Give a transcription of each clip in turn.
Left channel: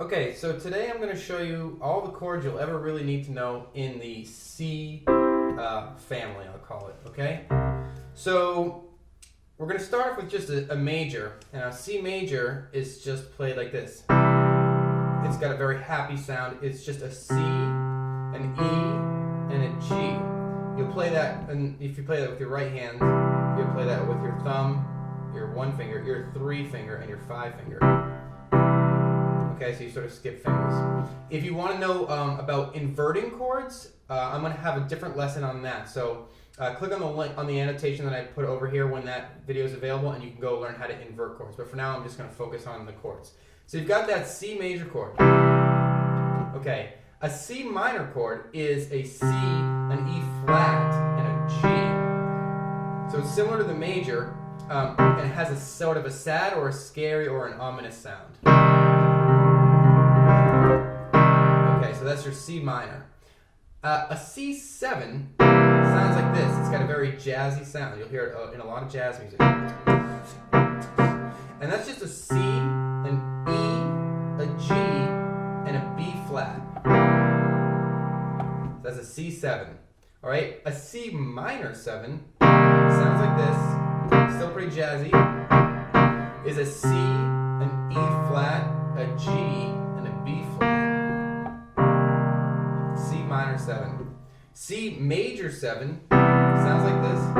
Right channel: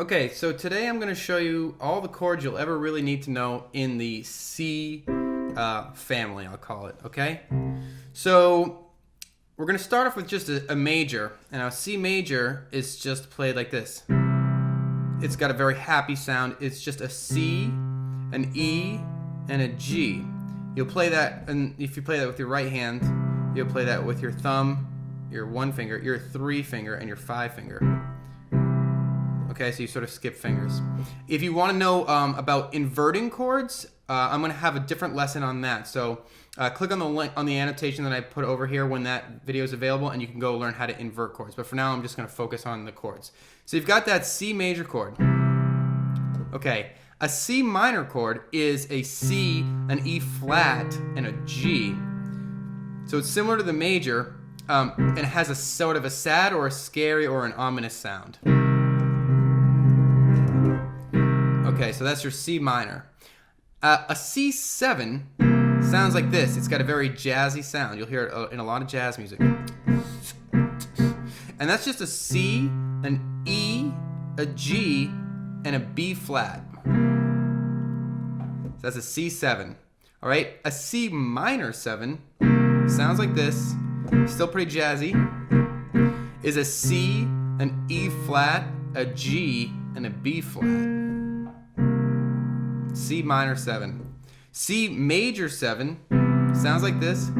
Okay, so today I'm going to show you all the chords you'll ever really need to know in the C family, I'll call it, okay? So we're going to start off with just a major, and now C major is just played like this. It's got a very happy sound. It's just a C, an E, and a G. You'll play that, and if you play that with your right hand, you'll play that with your thumb, your one finger, your three finger, and your five finger. Okay, so you sort of skip fingers. If you want to know about inverting chords, I'm going to have a different lesson on that. So click on the link on the annotation that I put over here when that video is available, and you can go learn how to invert chords. But for now, I'm just going to focus on the chords. So you've got that C major chord. Okay, a C minor chord is a C, an E flat, and a G. So it's similar to the major, and it has a sort of a sad or a scary or an ominous sound. Okay, so that's your C minor. A C7 sounds like this. It's got a very jazzy sound. You'll hear it in a lot of jazz music. And that's just a C, an E, a G, and a B flat. So that's a C7. All right, a C minor 7 sounds like this. Still pretty jazzy. Is a C, an E flat, a G, and a B flat. C minor 7. C major 7 sounds like this.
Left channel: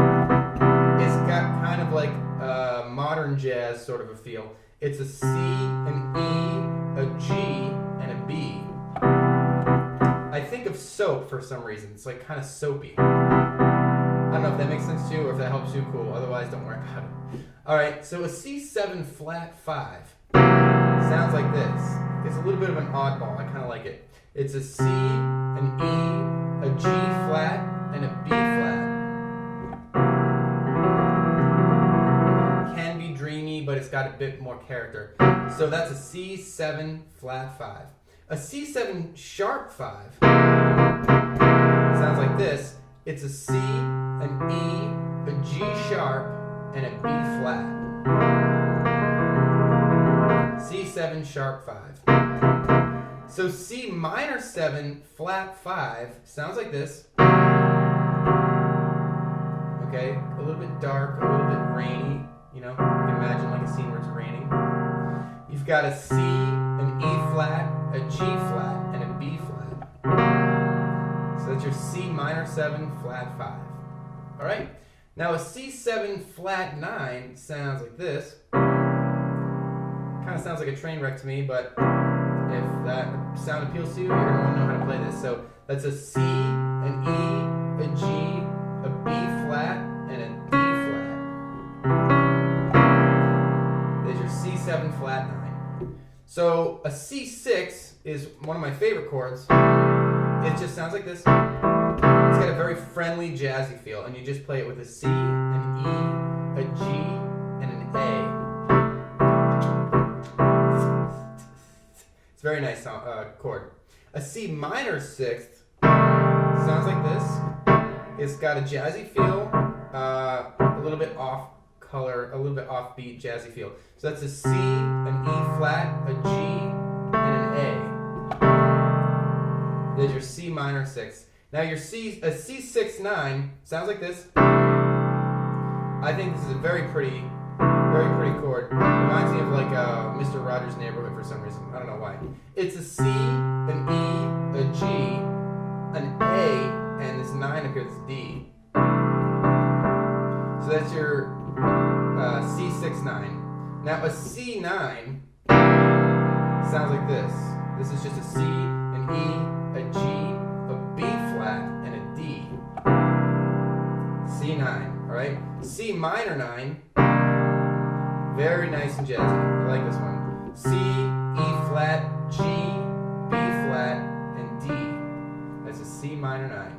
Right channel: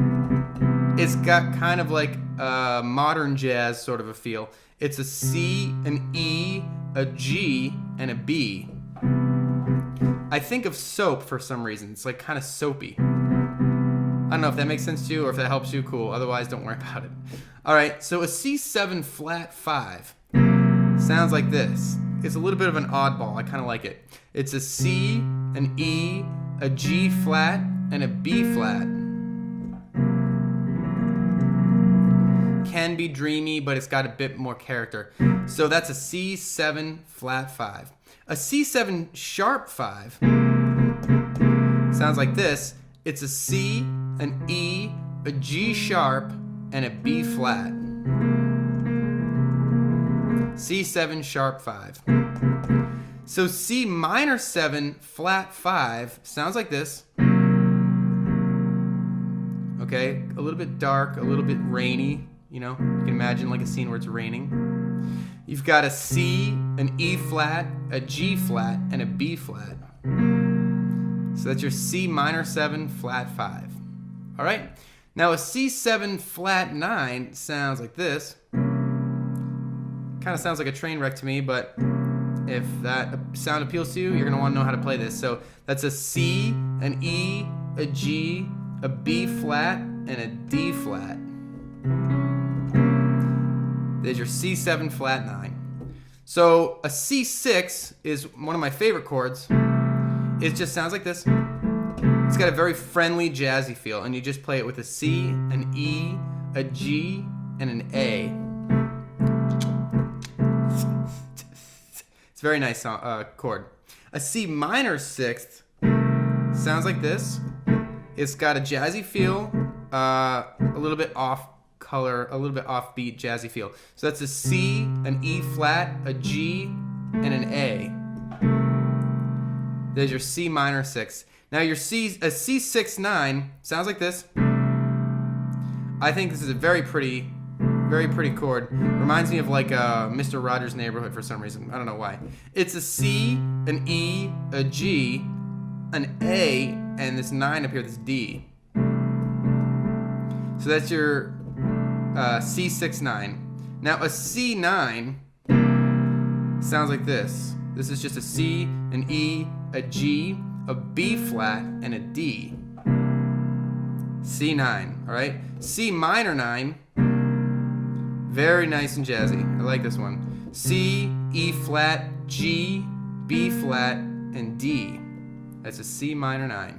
It's got kind of like a modern jazz sort of a feel. It's a C, an E, a G, and a B. I think of soap for some reason. It's like kind of soapy. I don't know if that makes sense to you or if that helps you, cool. Otherwise, don't worry about it. All right, so a C7 flat 5 sounds like this. It's a little bit of an oddball. I kind of like it. It's a C, an E, a G flat, and a B flat. Can be dreamy, but it's got a bit more character. So that's a C7 flat 5. A C7 sharp 5 sounds like this. It's a C, an E, a G sharp, and a B flat. C7 sharp 5. So C minor 7 flat 5 sounds like this. Okay, a little bit dark, a little bit rainy. You know, you can imagine like a scene where it's raining. You've got a C, an E flat, a G flat, and a B flat. So that's your C minor 7 flat 5. All right. Now a C7 flat 9 sounds like this. Kind of sounds like a train wreck to me, but if that sound appeals to you, you're going to want to know how to play this. So that's a C, an E, a G, a B flat, and a D flat. There's your C7 flat 9. So a C6 is one of my favorite chords. It just sounds like this. It's got a very friendly, jazzy feel, and you just play it with a C, an E, a G, and an A. It's a very nice chord. A C minor 6th sounds like this. It's got a jazzy feel, a little bit off color, a little bit offbeat jazzy feel. So that's a C, an E flat, a G, and an A. There's your C minor 6. Now your a C6 9 sounds like this. I think this is a very pretty chord. Reminds me of like Mr. Rogers' Neighborhood for some reason. I don't know why. It's a C, an E, a G, an A, and this 9 up here, this D. So that's your C6 9. Now a C9 sounds like this. This is just a C, an E, a G, a B flat, and a D. C9, all right? C minor 9, very nice and jazzy. I like this one. C, E flat, G, B flat, and D. That's a C minor 9.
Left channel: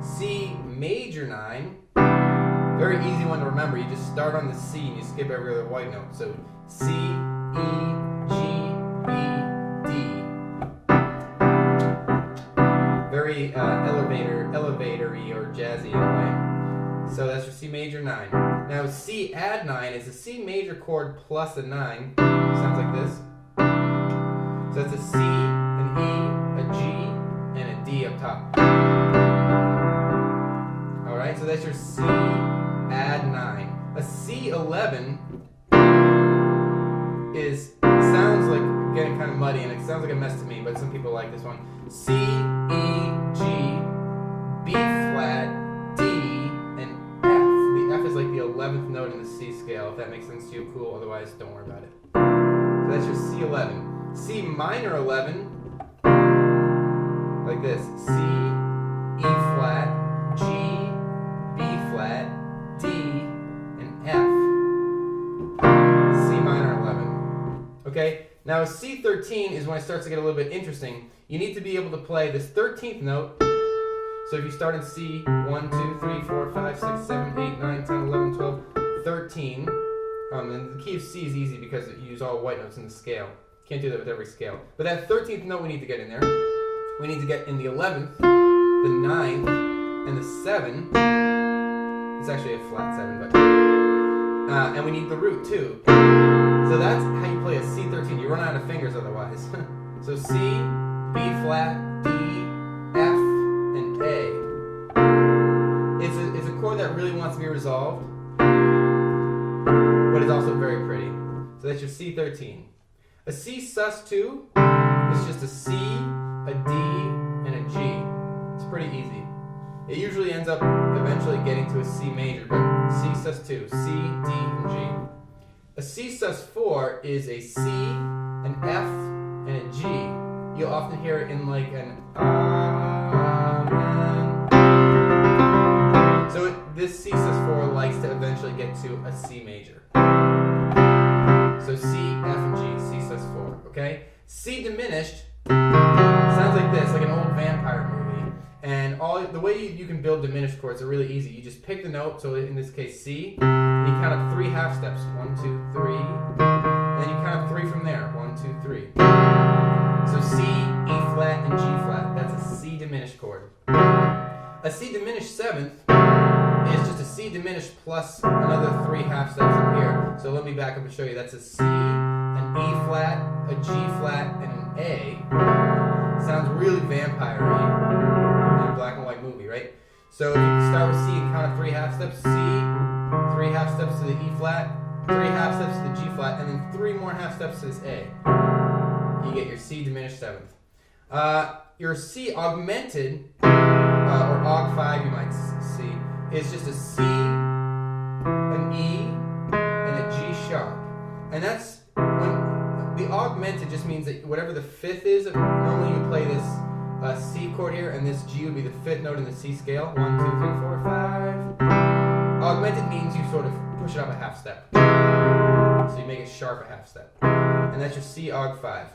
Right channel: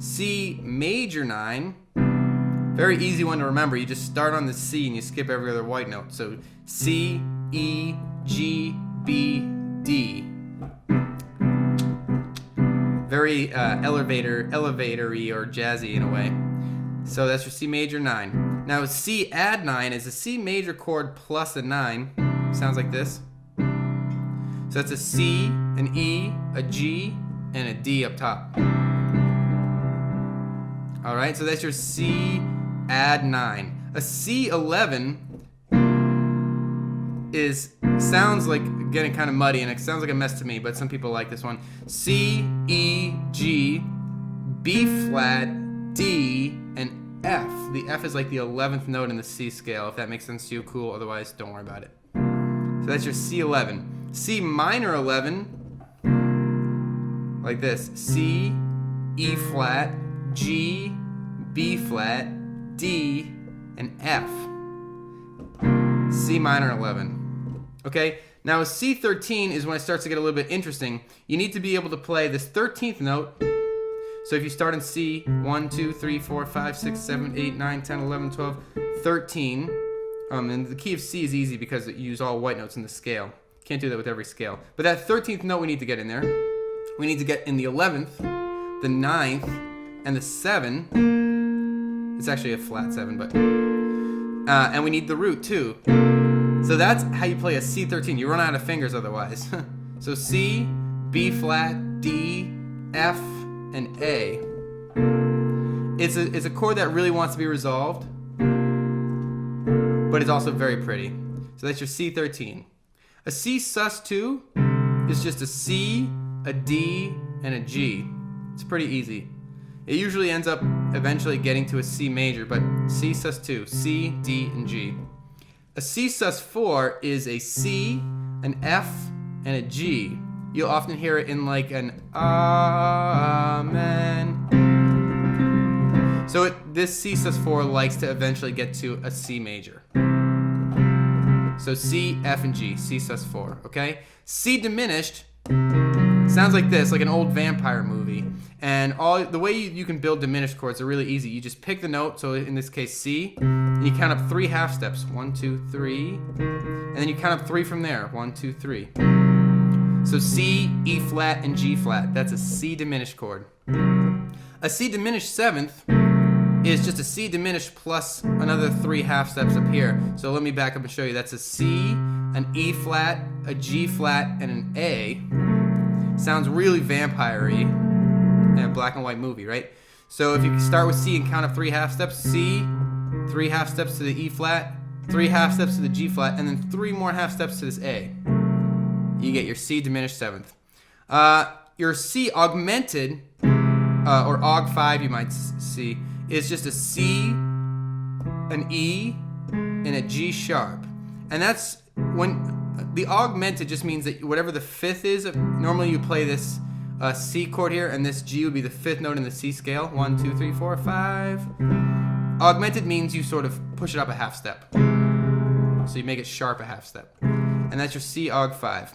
C major 9, very easy one to remember. You just start on the C and you skip every other white note. So C, E, G, B, D. Very elevatory or jazzy in a way. So that's your C major 9. Now C add 9 is a C major chord plus a 9. sounds like this. So that's a C, an E, a G, and a D up top. Alright, so that's your C add 9. A C11 sounds like, getting kind of muddy, and it sounds like a mess to me, but some people like this one. C, E, G, B flat, D, and F. The F is like the 11th note in the C scale. If that makes sense to you, cool. Otherwise, don't worry about it. So that's your C11. C minor 11, like this. C, E flat, G, B flat, D, and F. C minor 11. Okay? Now a C13 is when it starts to get a little bit interesting. You need to be able to play this 13th note. So if you start in C, 1, 2, 3, 4, 5, 6, 7, 8, 9, 10, 11, 12, 13. And the key of C is easy because you use all white notes in the scale. Can't do that with every scale. But that 13th note we need to get in there. We need to get in the 11th, the 9th, and the 7. It's actually a flat 7, but... and we need the root too. So that's how you play a C13. You run out of fingers otherwise. So C, B flat, D, F, and A. It's a chord that really wants to be resolved, but it's also very pretty. So that's your C13. A C sus2 is just a C, a D, and a G. It's pretty easy. It usually ends up eventually getting to a C major, but C sus2, C, D, and G. A C sus4 is a C, an F, and a G. You'll often hear it in like an Amen. So this C sus4 likes to eventually get to a C major. So C, F, and G, C sus4, okay? C diminished sounds like this, like an old vampire movie. And the way you can build diminished chords are really easy. You just pick the note, so in this case C, and you count up 3 half steps. 1, 2, 3. And then you count up 3 from there. 1, 2, 3. So C, E flat, and G flat. That's a C diminished chord. A C diminished 7th is just a C diminished plus another 3 half steps up here. So let me back up and show you. That's a C, an E flat, a G flat, and an A. Sounds really vampire-y in a black and white movie, right? So if you start with C and count up 3 half steps, C, 3 half steps to the E flat, 3 half steps to the G flat, and then 3 more half steps to this A. You get your C diminished 7th. Your C augmented, or aug5 you might see, is just a C, an E, and a G sharp. And that's when the augmented just means that whatever the 5th is, normally you play this C chord here, and this G would be the 5th note in the C scale. 1, 2, 3, 4, 5. Augmented means you sort of push it up a half step. So you make it sharp a half step. And that's your C aug5.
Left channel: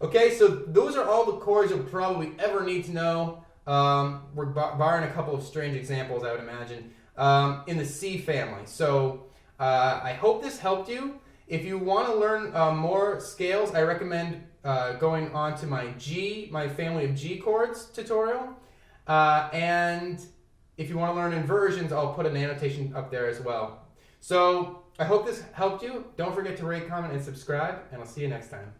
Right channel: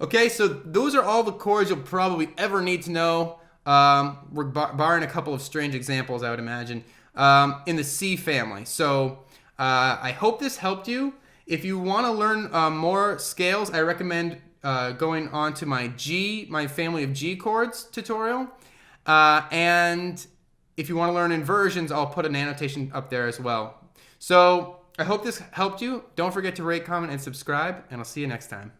Okay, so those are all the chords you'll probably ever need to know, barring a couple of strange examples, I would imagine, in the C family. So I hope this helped you. If you want to learn more scales, I recommend going on to my family of G chords tutorial. And if you want to learn inversions, I'll put an annotation up there as well. So I hope this helped you. Don't forget to rate, comment, and subscribe, and I'll see you next time.